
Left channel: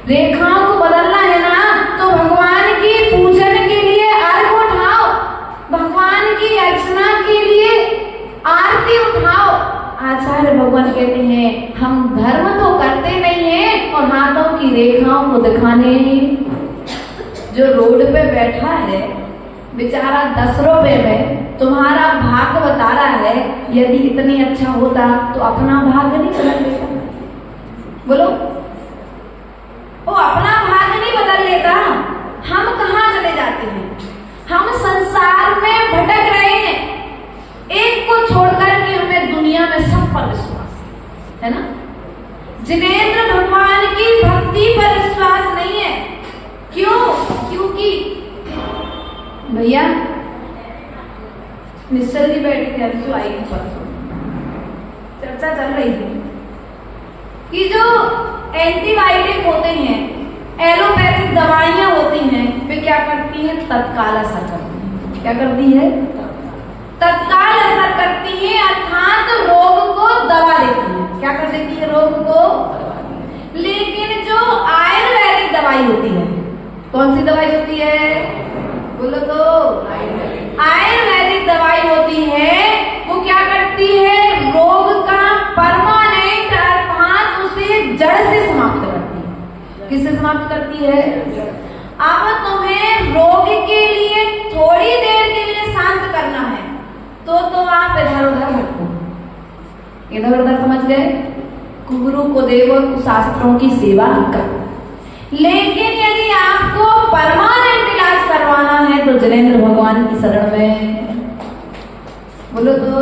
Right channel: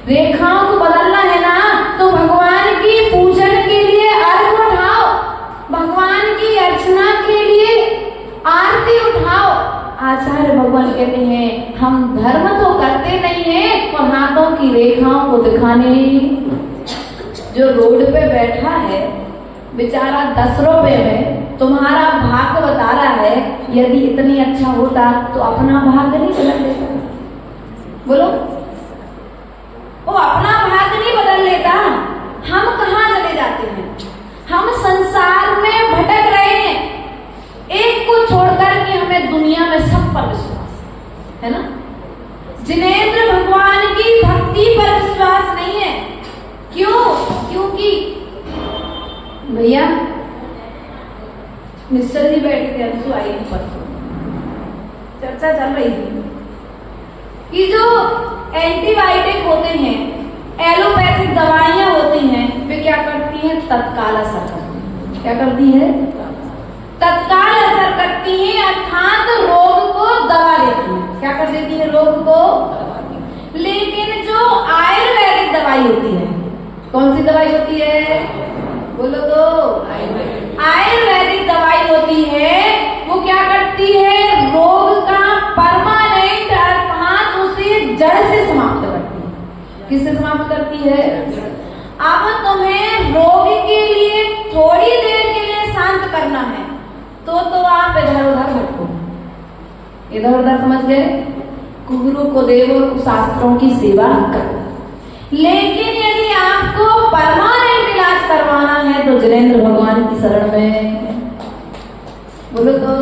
रेखाओं को बदलना है ना तो भगवान की पूजन के लिए अर्घ उठाओ, भगवान की अर्चना के लिए आरती उठाओ। आचार्य भगवान कहते हैं हम धर्म तो करते नहीं है और हाथों की रेखाओं को दिखाने। जो रोड पे बैठा है बेचारा 10 रुपए में तुम्हारा भाग बता रहा है, यदि इतनी अच्छा होता तो अपना भाग नहीं बदल लेता? बोलो, वो अपना भाग नहीं बदल लेता। हम कहाँ चले जाते हैं? हम संसार में भटक रहे हैं, एक को छोड़कर के हमें दुनिया में सब पर विश्वास है ना। जिनेंद्र भगवान की भक्ति पर विश्वास नहीं है। क्यों? क्योंकि भैया निश्चल जी बैठे थे, अंशु आई थी परसों, चर्चा चल रही थी कि जो एंटीबायोटिक होते हैं, एलोपैथिक दवाइयां होती हैं, वे क्या करती हैं? तत्काल असर करती हैं। क्या करती है? तत्काल असर करती हैं, अर्थात रोग को दबा देती हैं। क्या कर देती है? रोग को। लेकिन जो आयुर्वेदिक दवाई होती है, कौन सी दवाई होती है? बोलो तो। आयुर्वेदिक दवाई होती है, वो क्या करती है? रोग का परमानेंट अर्थात उसे जड़ से समाप्त करती है। किससे समाप्त करती है? अब तुम्हें रोग के लिए थोड़ी देर के लिए शांत करना है तो आप इधर उधर भटको, इधर उधर समझ गए? गुरु को देव शास्त्रों की सेवा करो। लेकिन यदि आपको परमानेंट इलाज करवाना है तो जिनेंद्र भगवान की शरण में बोलो तो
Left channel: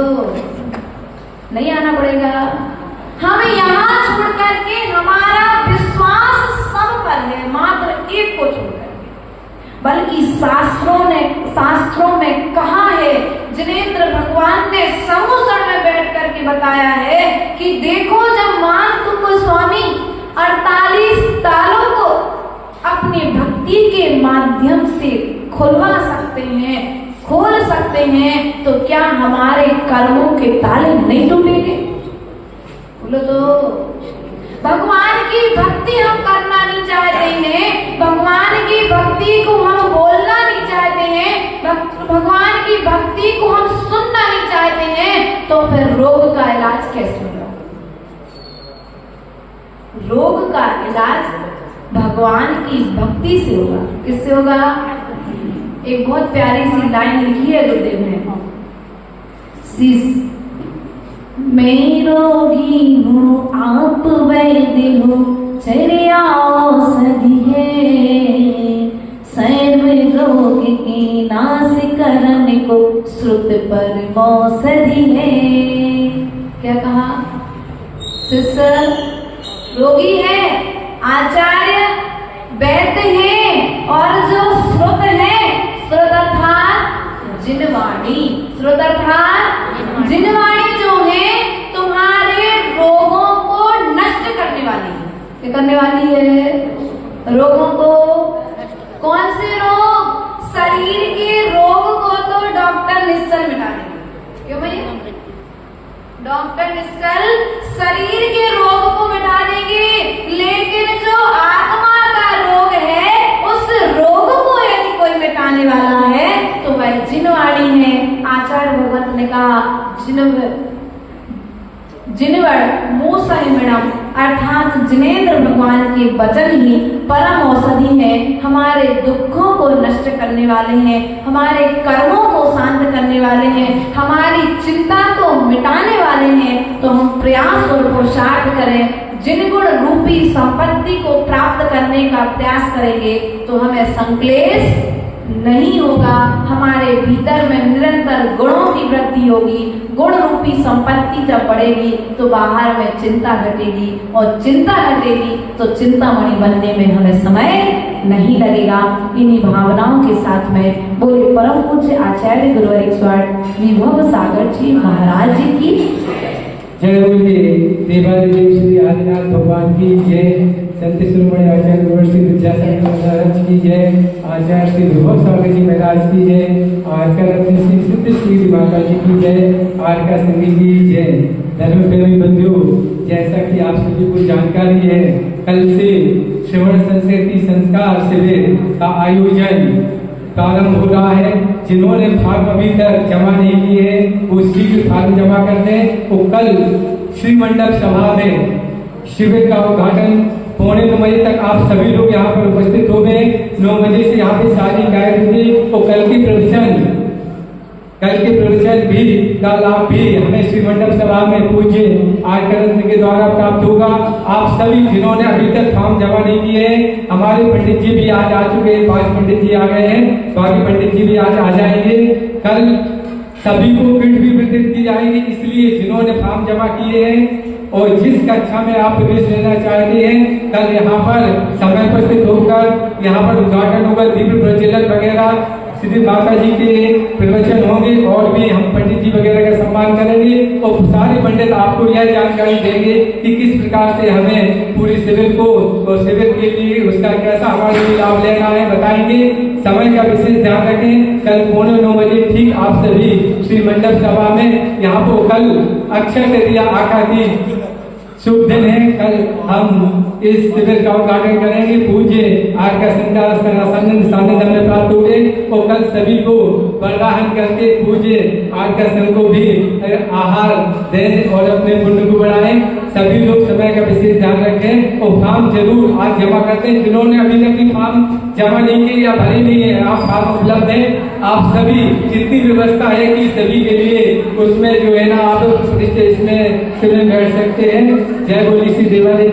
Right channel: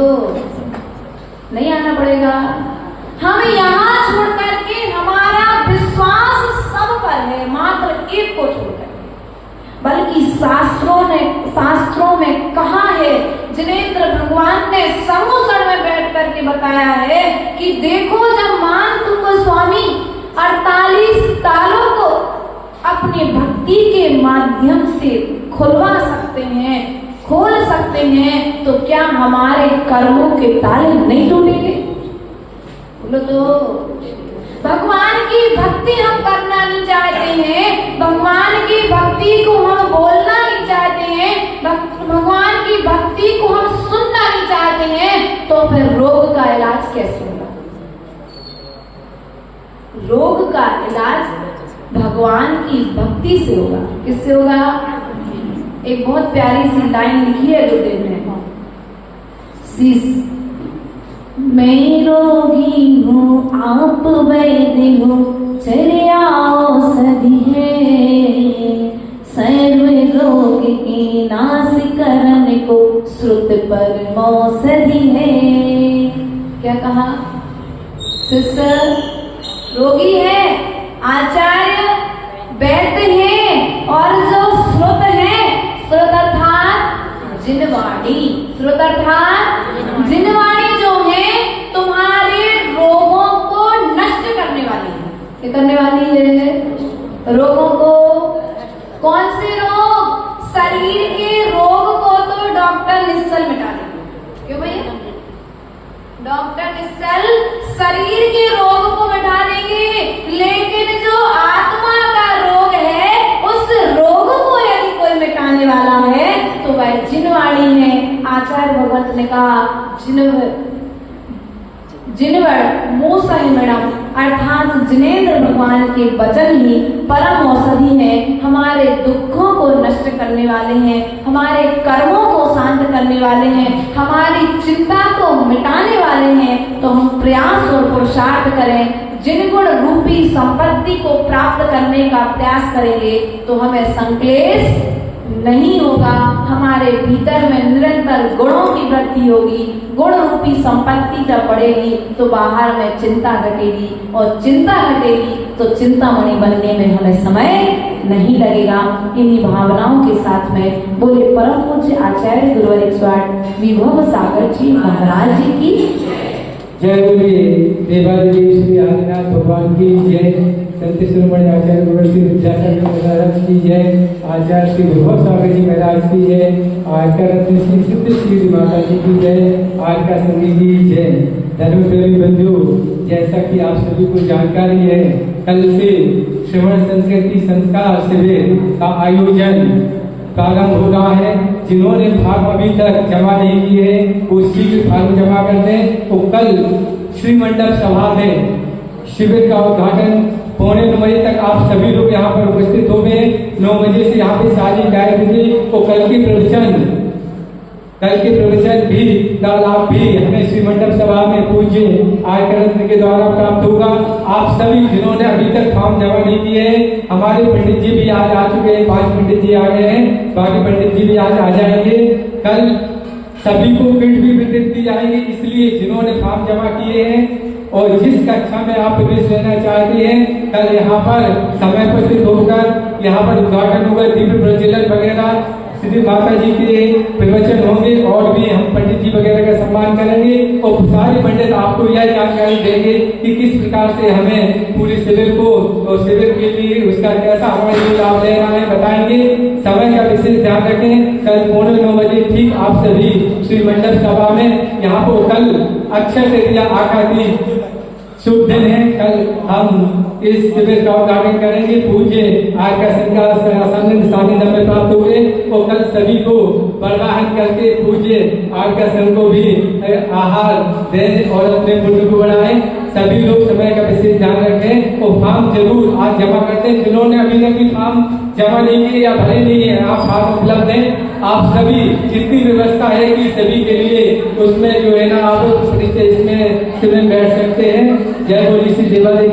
नहीं आना पड़ेगा। हम यहाँ छोड़ करके हमारा विश्वास सब पर है, मात्र एक को छोड़कर, बल्कि शास्त्रों में कहा है, जिनेंद्र भगवान ने समूसण में बैठ करके बताया है कि देखो जब मानतु को स्वामी 48 तालों को अपनी भक्ति के माध्यम से खुलवा सकते हैं, खोल सकते हैं, तो क्या हमारे कर्मों के ताले नहीं टूटेंगे? बोलो तो। भगवान की भक्ति हम करना नहीं चाहते हैं, भगवान की भक्ति को हम बोलना नहीं चाहते हैं, भगवान की भक्ति को हम सुनना नहीं चाहते हैं, तो फिर रोग का इलाज कैसे होगा? रोग का इलाज भगवान की भक्ति से होगा। किससे होगा? एक बहुत प्यारी सी लाइन लिखी है गुरुदेव ने, मैं रोगी हूँ आप वैद्य हो, चर्या औषधि है, सर्व रोग के नाश करने को श्रुत पर औषधि है। क्या कहा? शिष्य रोगी है, आचार्य वैद्य है, और जो श्रुत है, श्रुत अर्थात जिनवाणी, श्रुत अर्थात जिनवाणी जो है तुम्हारे रोगों को नष्ट करने वाली है। क्या करने वाली है? रोगों को। कौन से रोग? शरीर के रोग को तो डॉक्टर निश्चल मिटा देंगे। क्यों भैया? डॉक्टर निश्चल शरीर के रोग को मिटा देंगे, लेकिन जो आत्मा का रोग है, उस रोग को यदि कोई मिटाने वाला है तो वह जिनवाणी है। आचार्य भगवत ने कहा जिनवड़ मूसहिमणम, अर्थात जिनेंद्र भगवान के वचन ही परम औषधि है, हमारे दुखों को नष्ट करने वाले हैं, हमारे कर्मों को शांत करने वाले हैं, हमारी चिंता को मिटाने वाले हैं। तो हम प्रयास और पुरुषार्थ करें, जिन गुण रूपी संपत्ति को प्राप्त करने का प्रयास करेंगे तो हमें संक्लेश नहीं होगा, हमारे भीतर में निरंतर गुणों की वृद्धि होगी। गुण रूपी संपत्ति जब बढ़ेगी तो बाहर में चिंता घटेगी, और चिंता घटेगी तो चिंतामणि बनने में हमें समय नहीं लगेगा। इन्हीं भावनाओं के साथ में बोले परम पूज्य आचार्य गुरुवर 108 विभव सागर जी महाराज जी की जय बोलिए देवादिदेव श्री आदिनाथ भगवान की जय। संत शिरोमणि आचार्य यूनिवर्सिटी विद्यासागर महाराज की जय। आचार्य श्री विभव स्वामी जी महाराज की जय। आज का रत्न श्री सिद्ध श्री माता जी की जय। आज का संगीत की जय। धर्म प्रेमी बंधुओं, जैसा कि आप सभी को जानकारी है, कल से श्रवण संस्कृति संस्कार शिविर का आयोजन प्रारंभ हो रहा है। जिन्होंने फॉर्म अभी तक जमा नहीं किए वो शीघ्र फॉर्म जमा कर दें। तो कल श्री मंडप सभा में शिविर का उद्घाटन 9:45 बजे तक आप सभी लोग यहाँ पर उपस्थित हो गए। 9 बजे से यहाँ पे सारी गायब होगी। तो कल के प्रवचन भी का लाभ भी हमें श्री मंडप सभा में पूज्य आयकर रत्न के द्वारा प्राप्त होगा। आप सभी जिन्होंने अभी तक फॉर्म जमा नहीं किए हैं, हमारे पंडित जी भी आज आ चुके हैं, 5 पंडित जी आ गए हैं, बाकी पंडित जी भी आज आ जाएंगे। कल सभी को किट भी वितरित की जाएगी, इसलिए जिन्होंने फॉर्म जमा किए हैं और जिस कक्षा में आप प्रवेश लेना चाहते हैं, कल यहाँ पर समय उपस्थित होकर यहाँ पर उद्घाटन होगा, दीप प्रज्वलन वगैरह श्री माता जी के प्रवचन होंगे और भी हम पंडित जी वगैरह का सम्मान करेंगे। और सारे पंडित आपको यह जानकारी देंगे कि किस प्रकार से हमें पूरे शिविर को और शिविर के लिए उसका कैसा हमारे लिए लाभ लेना है बताएंगे। समय का विशेष ध्यान रखें। कल 9:45 बजे ठीक आप सभी श्री मंडप सभा में यहाँ को कल अक्षय तृतीया आकादी शुभ दिन है। कल हम इस शिविर का उद्घाटन करेंगे। पूज्य आज का सानिध्य में प्राप्त हो गए और कल सभी को वरदान करके पूज्य आज का संघ को भी आहार दें और अपने पुण्य को बढ़ाएं। सभी लोग समय का विशेष ध्यान रखें और फॉर्म जरूर आज जमा करते हैं। जिन्होंने अभी तक भी फॉर्म जमा नहीं किए या भरे नहीं है, आप फॉर्म उपलब्ध है। आप सभी जितनी व्यवस्था है कि सभी के लिए उसमें जो है ना आप इसमें बैठ सकते हैं। जय बोली श्री देवादिदेव।